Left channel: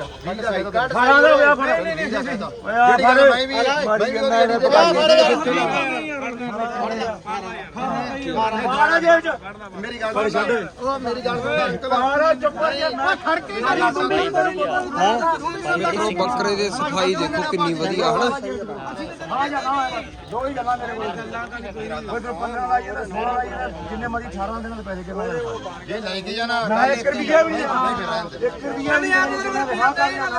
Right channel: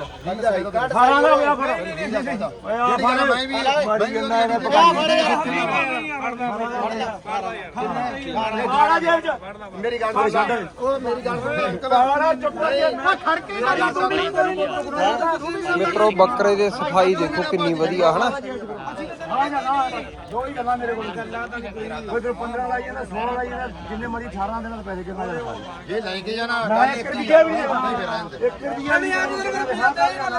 18 ਦਾ ਹੋਇਆ ਫਿਰ ਓਏ ਆ ਫੜ। ਮੈਂ ਵੀ ਮਾਰੀ ਜਾਂਦਾ ਇਹਨੇ ਬਾਰਾ ਜੇਬ ਚ। ਮੇਰੀ ਗੱਲ ਫੜ। ਛੱਡ ਉਹ ਮੇਰੀ ਗੱਲ ਸੁਣ। ਪਾਰਾ ਚੁੱਪ ਮੈਂ ਖੜਕੇ ਗੱਲ ਤੂੰ ਮਿੱਤਰੋ ਬੱਕਰੇ ਦੇ ਸਫ਼ਾਈ ਦੇਖੋ ਕਿੰਨੀ ਵਧੀਆ ਹਨਾ? ਆ ਜਾ ਨਾ ਦੋ ਹੀ ਗੱਲਾਂ ਮੇਰੇ ਕੋਲ ਗੱਲਾਂ ਤਾਂ ਨਹੀਂ ਕੋਈ ਕੋਈ 15 ਲਾਈ ਜਾਂਦਾ 16 ਲਾਈ ਜਾਂਦਾ ਜਿੰਨੇ ਮਰਜ਼ੀ 18 ਦਿਨਾਂ ਦੇ ਪੈਸੇ ਕਿੰਨਾ ਜਣਾ ਜੇ ਲੈ ਕੇ ਜਾਣਾ ਮੈਂ ਗੱਲ ਇੱਕ ਇੱਕ ਹੀ ਰੁਪਿਆ ਵੀ ਨਹੀਂ ਨਹੀਂ ਫਿਰ ਰਹਿਣ ਦੇ ਇੱਕ ਰੁਪਿਆ ਨਹੀਂ ਆ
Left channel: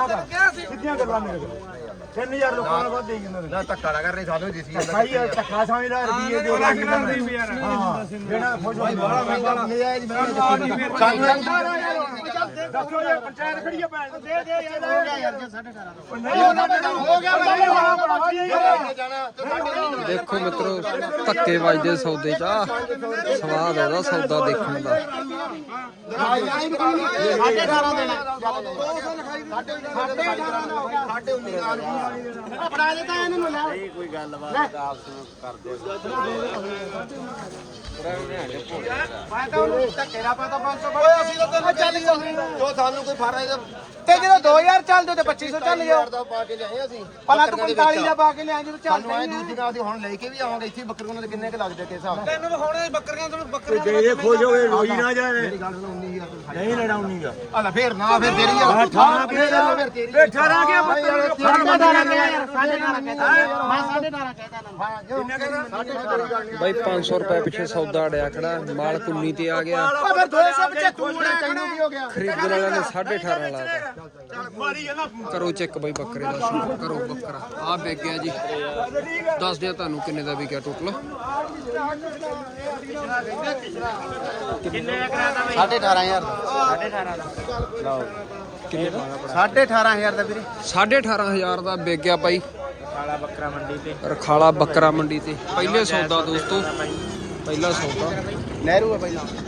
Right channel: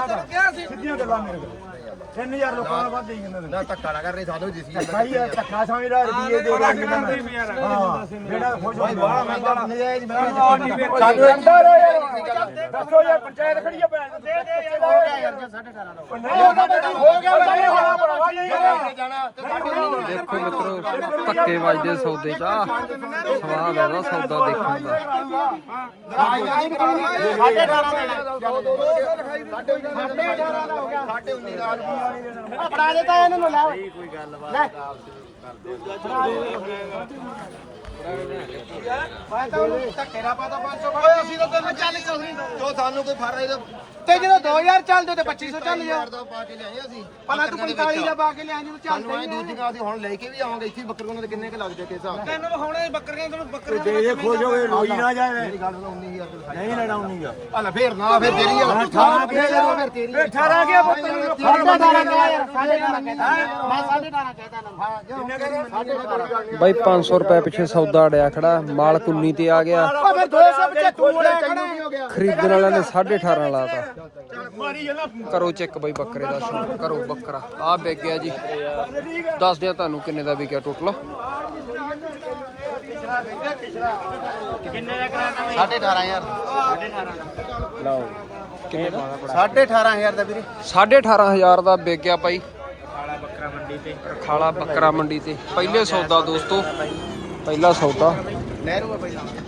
ਤੇਰੇ ਕਿਹਾ ਸੀ ਸਿੱਧੀਆਂ ਗੱਲਾਂ ਮੇਰੇ ਕੋਲ 3000 ਲੋਕਾਂ ਨਾਲ ਵੱਧ ਦੇਈ ਜਾਂਦੇ ਨੇ ਨਾ ਧੱਕਾ ਨਾ ਕਰ ਰਹੀ ਸਾਨੂੰ ਦਿਸੀ ਜਾਂਦਾ ਭਾਈ ਇਹ ਧੱਕਾ ਸਮਝਦਾ ਰੁਪਏ ਦੇ ਲੱਗ ਜਾਂਦੇ ਹਾਂ ਜਿਹੜਾ ਖੁਸ਼ ਹੋ ਬਾਲਾ ਮੈਂ ਬਾਲਾ ਸਾਨੂੰ ਅੰਦਰ ਹੈ ਯਾਰ ਦੱਸੋ ਯਾਰ ਪੰਚਾਇਤ ਖੜੀ ਹੈ ਭੈਣ ਦੇ ਦੇ ਯਾਰ ਦੇਖੋ ਮਿੱਤਰੋ ਧੱਕੇ ਵੱਜਦੇ ਸੌਦੇ ਚ। ਆ ਸਵਾਦ ਉਹਦਾ ਸੌਦਾ ਦੇਖਣ ਦਾ। ਸਾਡੇ 18 ਦੇਣਾ 200 ਲਿਖਾਈ ਸਾਡੇ 18 ਦਾ ਹੋ ਗਿਆ। ਸਾਡੇ 19 ਦਾ ਫੜਾ ਦਿੱਤਾ ਇਹਨਾਂ ਨੂੰ ਲੈ। ਮੈਂ ਤਾਂ ਉਹਨੂੰ ਧੱਕੇ ਦਾ ਪਾਤਾ 500 ਫੜ ਕੇ ਅਸੀਂ ਕਹਿੰਦੇ ਚੱਲ ਤੋ ਸਾਨੂੰ ਕੋਈ ਫਾਰਾ ਇਹਦਾ? ਤੇ ਜਦੋਂ 2000 ਚੱਲਦੇ ਤੇ 2500 ਚੱਲ ਜਾਓ। ਦਾ ਪਾ ਕੇ ਲਿਆਏ ਅਸੀਂ ਭਲਾ ਤੂੰ 45 ਦਾ ਪਾ ਕੇ ਲਿਆ ਜਦੋਂ ਚੱਲ ਸਾਨੂੰ ਐ ਦੂਜੀ ਨਾਲ ਅਸੀਂ ਹੁਣ ਲੈ ਕੇ ਵੀ ਆਵਾਂਗੇ ਇੱਥੇ ਬੱਕਰ ਕੋਲ ਦੇ ਕਿੰਨੇ ਕ ਲੱਗਦੇ ਕਿਸ ਹਿਸਾਬ ਨਾਲ? ਤੈਨੂੰ ਹੁਣ ਬੱਕਰੀਆਂ ਤੈਨੂੰ ਬੱਕਰੀਆਂ ਦੇ ਇਹ ਖੋਜ ਹੋਵੇ ਰੋਈ ਨਾ ਜਾਵੇ। ਮੇਰੀ ਗੱਲ ਸੁਣ 19000 ਤੇ ਲਿਖਾਈ ਨਹੀਂ ਲੈਣਾ ਉਨੀ ਦਾ ਆ ਲੈ ਫੇਰ ਨਾ ਫਿਰ ਤੇਰੀ ਆ ਹਾਂ, ਅਠਾਰਾਂ ਫਿਰ ਤੇਰੀ ਫਿਰ ਤੇਰੀ ਇਹ 18 ਕੇ ਪੁੱਤਰ ਸਾਢੇ 18 ਕਿਹਾ ਯਾਰ ਸਾਢੇ 18 ਕਹਿੰਦਾ ਮੈਂ ਸਾਢੇ 18 ਕਹਿੰਦਾ ਨਾ ਹਾਂ ਕਿੰਨੇ ਬਾਈ 500 ਰੁਪਏ ਪਿੱਛੇ ਸੌਦਾ ਅੜਿਆ ਖੜਾ ਮਾਲ ਕੁੰਨੀ ਤੇ ਆ ਗਿਆ। ਫਿਰ 275 ਥੋੜਾ ਤੈਨੂੰ ਕੀ ਹੋ ਗਿਆ ਖਰੀਦਣ ਵਾਲਿਆਂ ਨੇ 18.5 ਲਾਤਾ ਮਾਰੀ ਜਾਂਦਾ ਕਰੋ ਚੈੱਕ ਬਾਈ ਬੱਕਰੇ ਦਾ ਸ਼ੌਂਕ ਕਰੋ ਬੱਕਰਾ। ਆ ਵਿਕ ਗਿਆ ਜੀ। ਦੱਸ ਦਿਆ ਤੁਹਾਨੂੰ ਕਿੰਨੇ ਦਾ ਵਿਕਿਆ ਟੋਟਲ ਸਾਢੇ 18000 ਦਾ। ਕਿੰਨੇ ਦਾ? ਸਾਢੇ 18000 ਦਾ ਵੀਰੇ। 18500 ਦਾ ਵਿਕ ਗਿਆ ਬਾਈ। ਬੱਕਰਾ ਮੰਡੀ ਤੇ। ਰਖਾਲਾ ਬੱਕਰਾ ਮੰਡੀ ਤੇ। ਪਹਿਲੇ ਸੌਦਾ ਦੋਸਤੋ। ਪਹਿਲਾ ਸੌਦਾ। ਨਹਿਰੂ ਆ ਪਹਿਲਾਂ।